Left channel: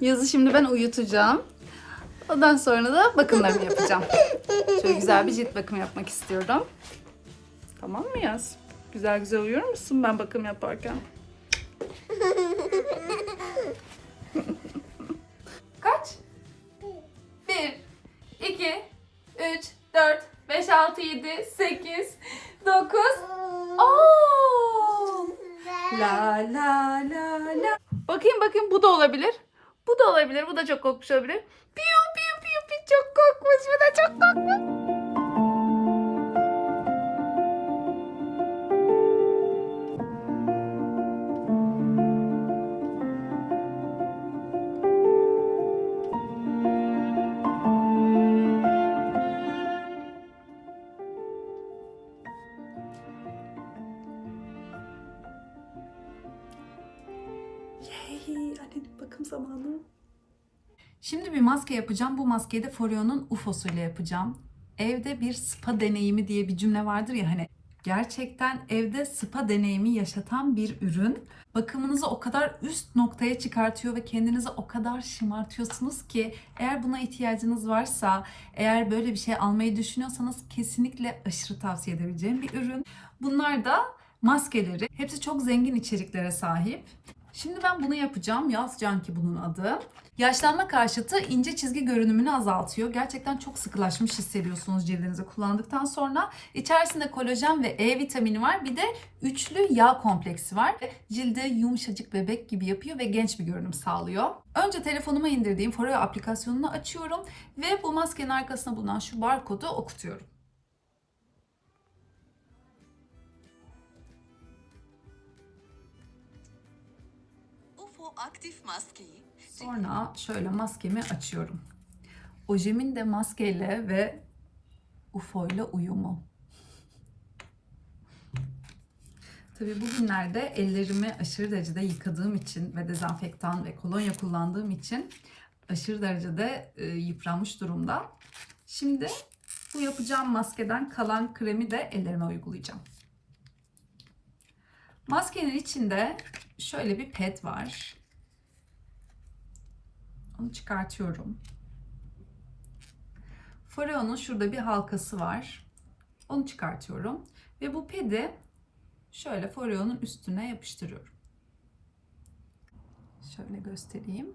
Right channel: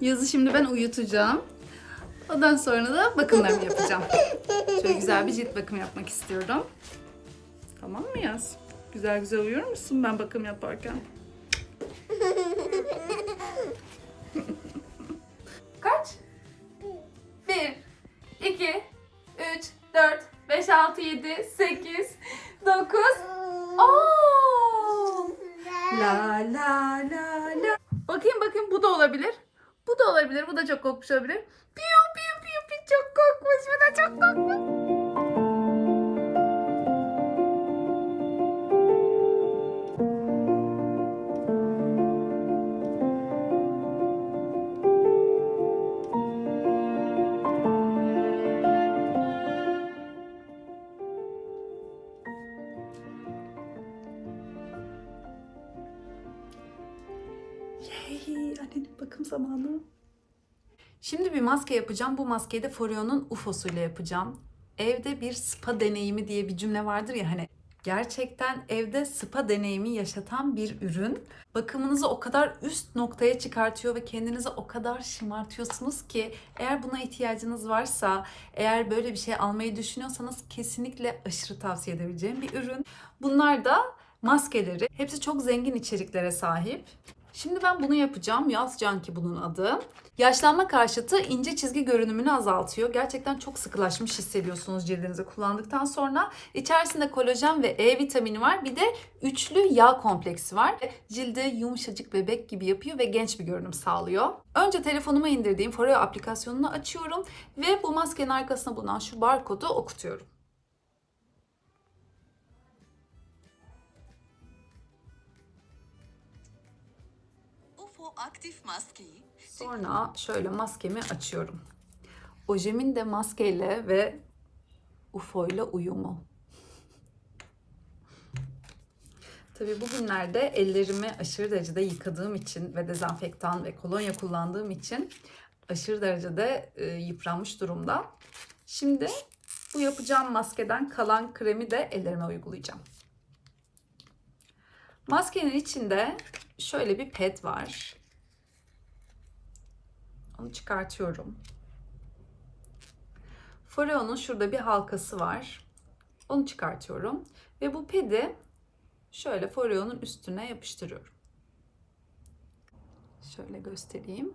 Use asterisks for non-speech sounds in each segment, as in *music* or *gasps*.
Yazı şimdi ben uyutacağım. Ondan sonra da bakımlarımı yapacağım. Şöyle güzel bir cilt bakımı yapmak istiyorum. Tamam mı Yaz? Güzel güzel uyuyor musun ben bakım yaparken? Kaç? 1, 2, 3, 4, 5, 6, 7, 8, 9, 10. La la la la. Bakayım bakayım bu da olabilir. Bu da olabilir. Bu da çok kokmuş olabilir. Piu piu piu piu çok kokmuş. Bu da çok kokmuş. Hey, annenin bakım zamanı. Şimdi bir maske yapacağım. Bu maskeyi de Foreo'nun UFO'suyla yapacağım. Evde bir spa deneyimi diye bir cümle vardır ya hani gerçekten evde spa deneyimi yaşatan bir ürün. Bakımınızı o kadar üst noktaya çıkartıyor ve kendinizi o kadar şımartıyorsunuz ki eğer buna ihtiyacınız varsa, eğer böyle bir şey almayı düşünüyorsanız kesinlikle aşırı tavsiye edebileceğim bir ürün. Bunlar da maskeleri. Hepsi çok zengin içeriklere sahip. Şimdi ben bunu yapacağım. Yaz Canki bunun adı. Yaşlanma karşıtı ince çizgi görünümünü azaltıyor. Gerçekten çok sıkılaşmış hissediyorsunuz cildinizi kullandıktan sonra. İçerisinde kolajen ve E vitamini var. Bir de üçlü yağ kompleksi var. Cilde yumuşacık bebek gibi yapıyor ve genç bir görünüm sağlıyor. Önce telefonuma indirdiğim Foreo aplikasyonunu açıyorum ve bu maskenin arkasına bulunan şu barkodu okutuyorum. Aktif maskeyi Sonra şöyle maskemi açıyorum. Ojemin de maskeyle ve UFO ile uyumu. Tabii bugünlerde ellerimi aşırı derecede yıkadığım için ve dezenfektan ve kolonya kullandığım için aşırı derecede e, yıpranmış durumda. Şimdi bu yapacağım maskeden kalan kremi de ellerime uygulayacağım. Maskenin içinde şöyle bir ped var. Onu çıkartıyorum. Foreo'nun şurada bir halkası var. Onu çıkartıyorum. Ve bu pedi şöyle Foreo'nun üstüne yapıştırıyorum. Şöyle göstereyim.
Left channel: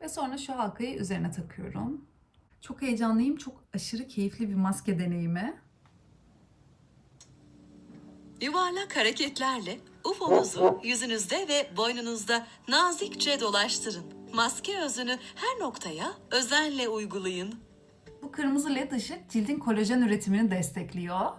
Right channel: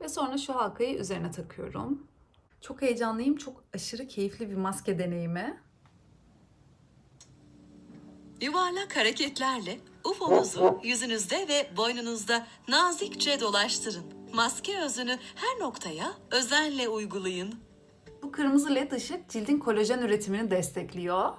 Ve sonra şu halkayı üzerine takıyorum. Çok heyecanlıyım. Çok aşırı keyifli bir maske deneyimi. yuvarlak hareketlerle UFO'nuzu yüzünüzde ve boynunuzda nazikçe dolaştırın. Maske özünü her noktaya özenle uygulayın. Bu kırmızı led ışık cildin kolajen üretimini destekliyor.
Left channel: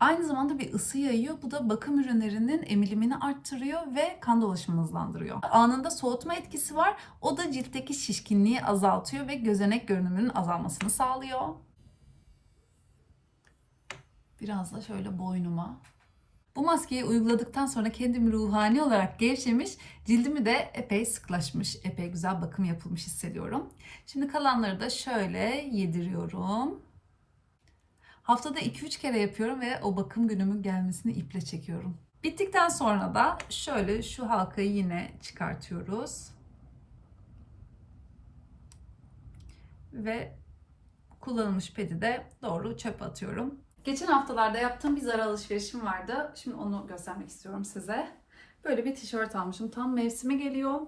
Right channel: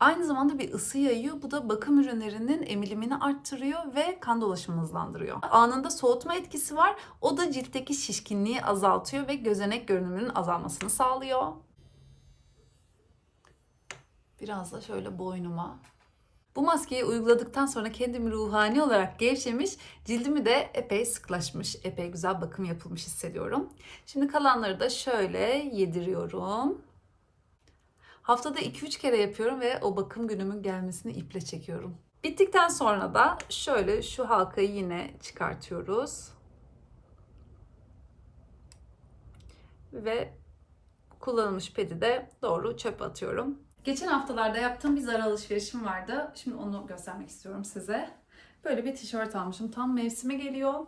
Aynı zamanda bir ısı yayıyor. Bu da bakım ürünlerinin emilimini arttırıyor ve kan dolaşımını hızlandırıyor. Anında soğutma etkisi var. O da ciltteki şişkinliği azaltıyor ve gözenek görünümünün azalmasını sağlıyor. Biraz da şöyle boynuma. Bu maskeyi uyguladıktan sonra kendimi ruhani olarak gevşemiş, cildimi de epey sıklaşmış, epey güzel bakım yapılmış hissediyorum. Şimdi kalanları da şöyle yediriyorum. Haftada 2-3 kere yapıyorum ve o bakım günümün gelmesini iple çekiyorum. Bittikten sonra da şöyle şu halkayı yine çıkartıyoruz. Ve kullanılmış pedi de doğru çöpe atıyorum. Geçen haftalarda yaptığım bir Zara alışverişim vardı. Şimdi onu göstermek istiyorum size. Böyle bir tişört almışım. Tam mevsimi geliyor.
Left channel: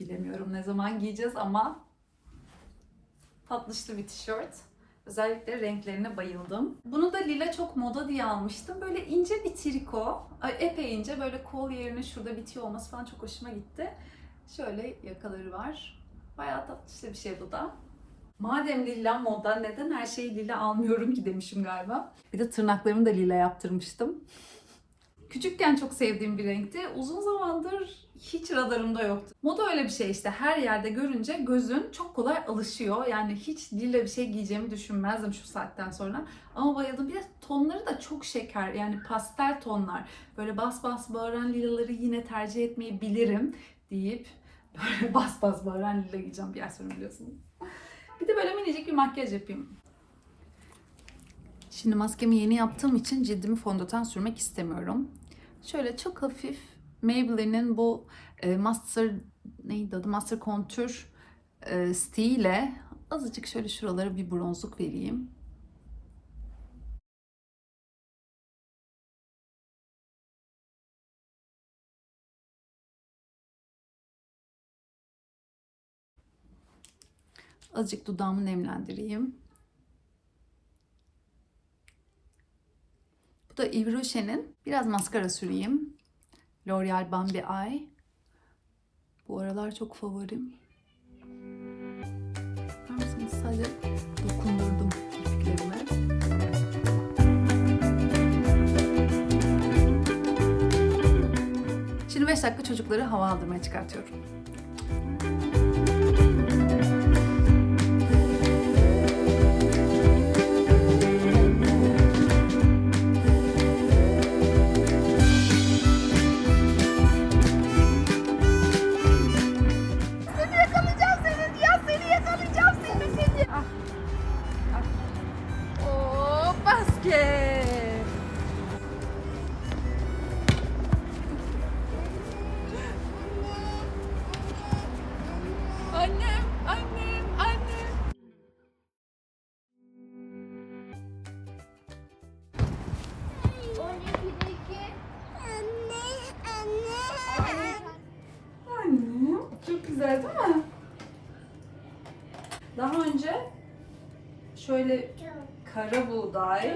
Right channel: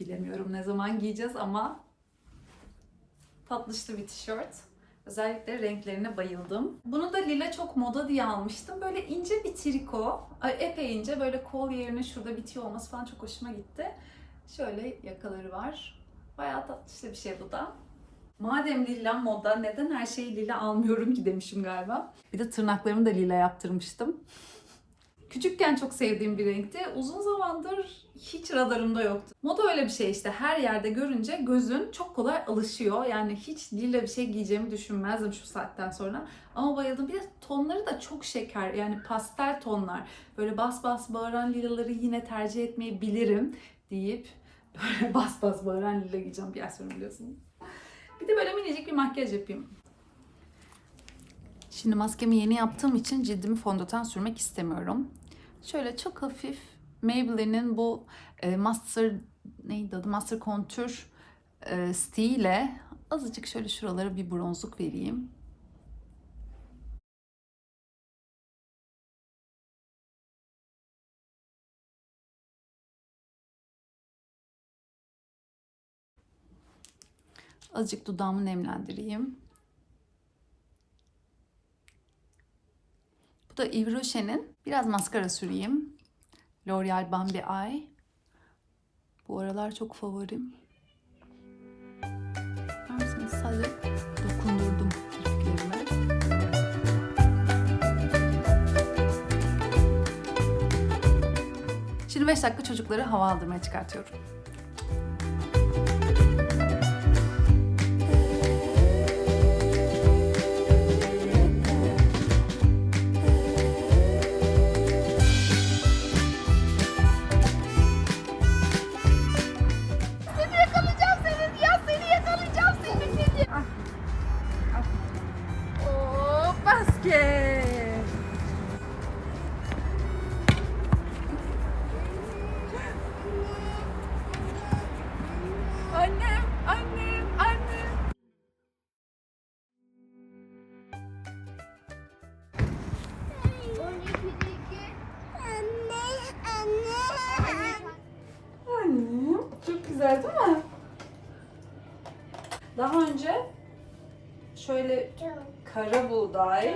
Bilemiyorum ne zaman giyeceğiz ama tatlışlı bir tişört. Özellikle renklerine bayıldım. Bunu da lila çok moda diye almıştım. Böyle ince bir triko. Epey ince. Böyle kol yerine şurada bitiyor olması falan çok hoşuma gitti. Şöyle yakaları var. Bayağı tatlışlı bir şey bu da. Madem lila moda neden her şeyi lila almıyorum ki demişim galiba. Bir de tırnaklarımı da lila yaptırmıştım. Küçükken çok sevdiğim bir renkti. Uzun zamandır hiç radarımda yoktu. Moda öyle bir şey işte. Her yerde görünce gözün çok kolay alışıyor. Yani hiç lila bir şey giyeceğimi düşünmezdim şu saatten sonra. Ama bayıldım. Bir de tonları da çok şeker. Yani pastel tonlar. Böyle bas bas bağıran lilaları yine tercih etmeyi bilirim deyip *laughs* böyle bas bas bağıran lila giyeceğim bir yer sonra biliyorsunuz. Bir de böyle minicik bir makyaj yapayım. Şimdi maskemi yeni yaptığım için cildimi fondöten sürmek istemiyorum. Şöyle çok hafif Maybelline'in bu e, Master neydi adı? Master Contour e, stiğiyle azıcık şöyle şuralara bir bronzluk vereyim. Azıcık dudağımı nemlendireyim. Bu da Yves Rocher'in. Biraz maskara süreyim. L'Oreal Bambi Eye. Bu aralar çok favorim. Şimdi 5 dakika çocukları hava aldırmaya çıkartıyorum. Annem, annem, annem. Anne, anne. Annem, çok güzel değil mi? Daha önce şöyle kara buğday,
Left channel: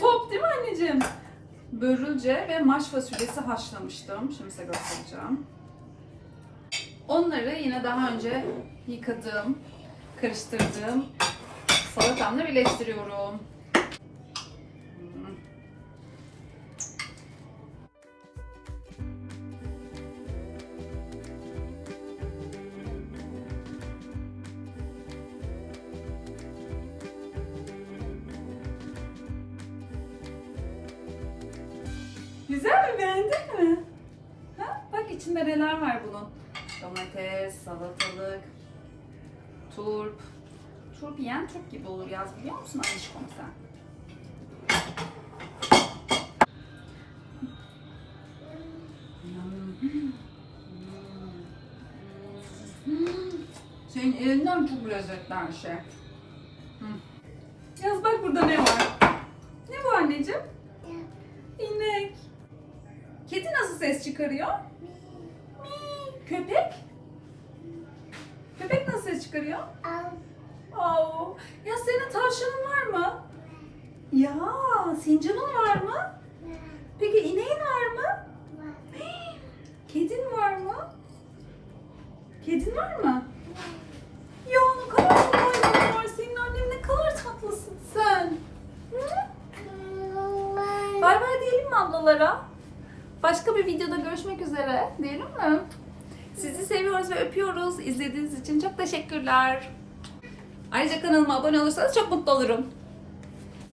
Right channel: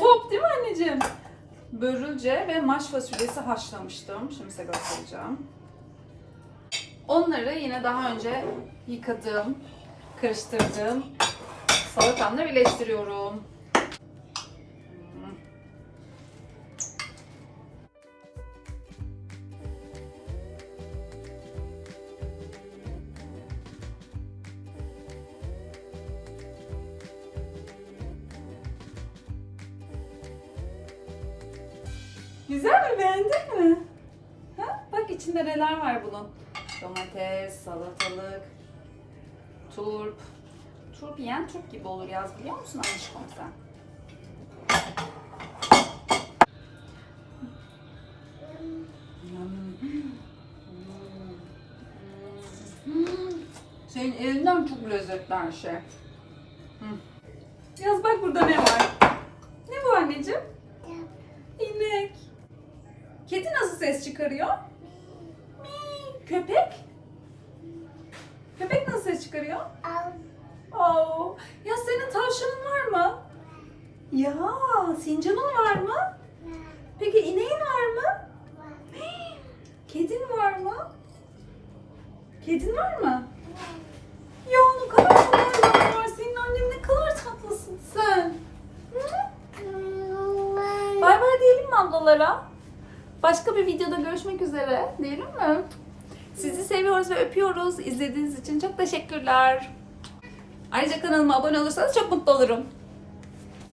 top değil mi anneciğim? Börülce ve maş fasulyesi haşlamıştım. Şimdi size göstereceğim. Onları yine daha önce yıkadığım, karıştırdığım salatamla birleştiriyorum. Güzel mi? Beğendin mi? Ha? Bak içinde neler var bunun. Domates, salatalık, turp. Turp yiyen turp gibi olur yaz biliyor musun Anişkom sen? Senin elinden çok lezzetli şey. Yaz bak burada ne var? Ne bu anneciğim? İnek. Kedi nasıl ses çıkarıyor? Köpek? Köpek nasıl ses çıkarıyor? Oo. Ya senin tavşanın var mı? Ya sincanın var mı? Peki ineğin var mı? Hii, *gasps* Kedin var mı? Kedin var mı? Ya ne kadar tatlı var. Senin annen ne kadar tatlısın sen. Bay bay diyelim mi ablalara? Başka bir videoda görüşmek üzere. Diyelim mi? Sizi seviyoruz ve öpüyoruz. İzlediğiniz için çok teşekkürler. Ayrıca kanalıma abone olursanız çok mutlu olurum.